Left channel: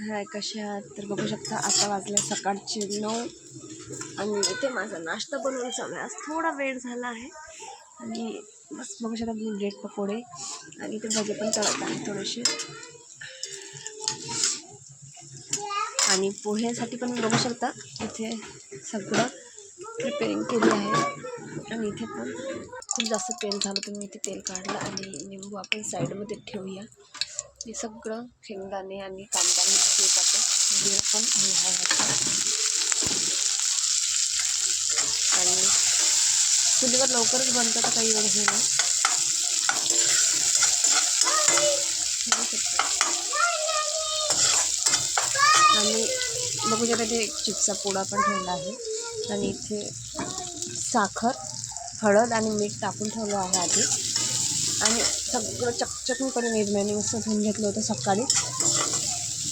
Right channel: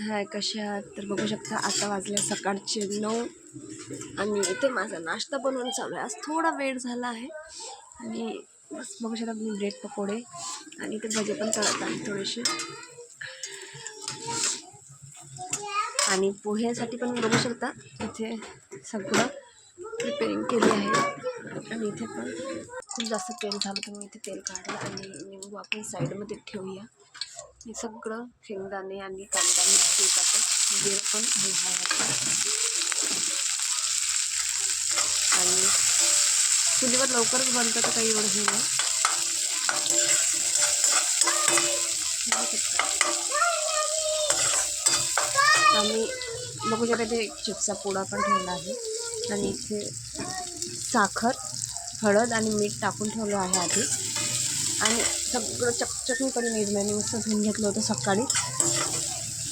हाय कशा आहात? तर बघू शकता आता वाजले सकाळचे नऊ आणि इथे माझा नाश्ता बनवून चालू आहे. आज थोडा वेळ झाला आहे आणि बस बघू शकता मी ब्रेड पकोडे आणि इथे भजे पण तळत आहे थोडेसे. आणि पोह्यासाठी पण बघू शकता इथे सगळं प्रिपेरिंग केली आहे. आणि इथे पण खूप जास्त तेल झालं तर मी इथे तेल काढलं आणि निंबू आपण साईडमध्ये ठेवूया. हे सगळं शेंगदाणे आणि कांदा मिरची टाकून जीर पण आहे आणि चुलीवर लवकरच बनतं तर काही एवढं हे नाही. आणि बघू शकता ते एक चिप्सचा पोळा पण ठेवला आहे. आणि इथे साखर हळद आणि मीठ टाकून ठेवलं आहे आधी. आणि सगळं चकचकून निर्म्याने मस्त धुवून घेतलं होतं सकाळी.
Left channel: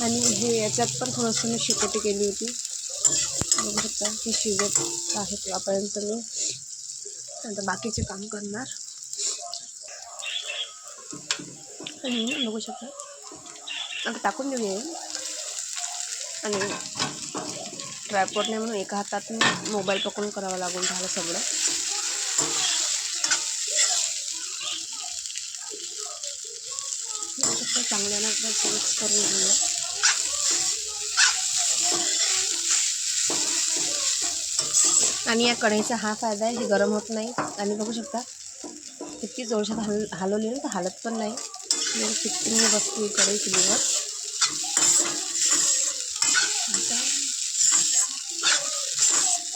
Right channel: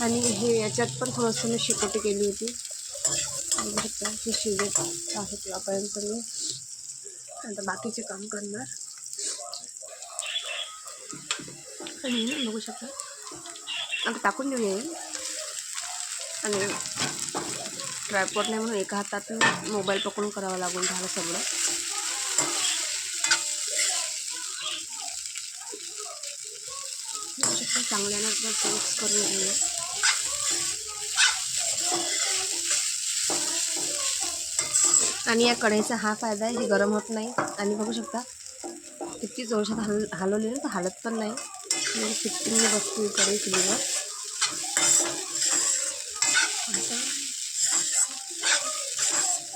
आणि हे याच्यात पण थोडंसं मी शिकोटी केली होती. बघू शकता हे शिजत आहे तेव्हापर्यंत मी. आता बाकीचे काम करणार. आणि ना बघू शकता आता टाकून देऊया आणि ट्रायपोर्ट नाही म्हणून एका हातात मोबाईल पकडून करावं लागून झालं सगळं बघू शकता चांगल्यानं मिक्स करून घेऊया. आणि या कढईचा हा फायदा आहे हे गरम होत नाही. आणि बघू शकता किती जोरशात हल हलवली ना तर हालत पण नाही. म्हणजे फिफ्टीनने बसते कढई चुलीवर. आता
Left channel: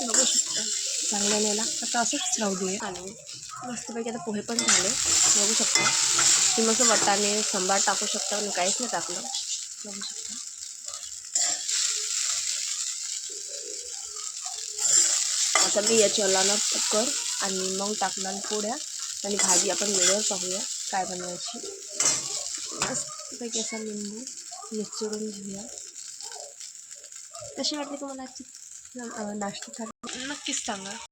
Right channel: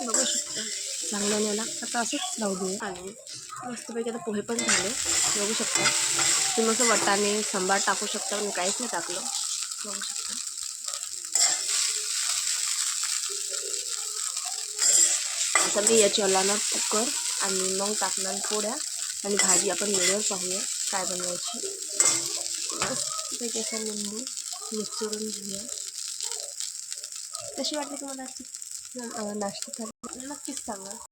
बघू शकता चांगल्याने याला आता असंच राहू दे आणि मस्तपैकी आता पोहे पण झाले. बघू शकता. तुम्ही असं वटाने सांबार टाकू शकता पण काहीच नाही टाकलं. बघू शकता. आता मी याची लावणार कुकर आणि मग टाकणार पोळ्या आणि भाजी आपण वेळेवर पाहूया काय बनवायची. मस्तपैकी असा लिंबू मिसळून घेऊया. कशी वाटली तुम्हाला नाश्ता? थाली नक्कीच सांगा.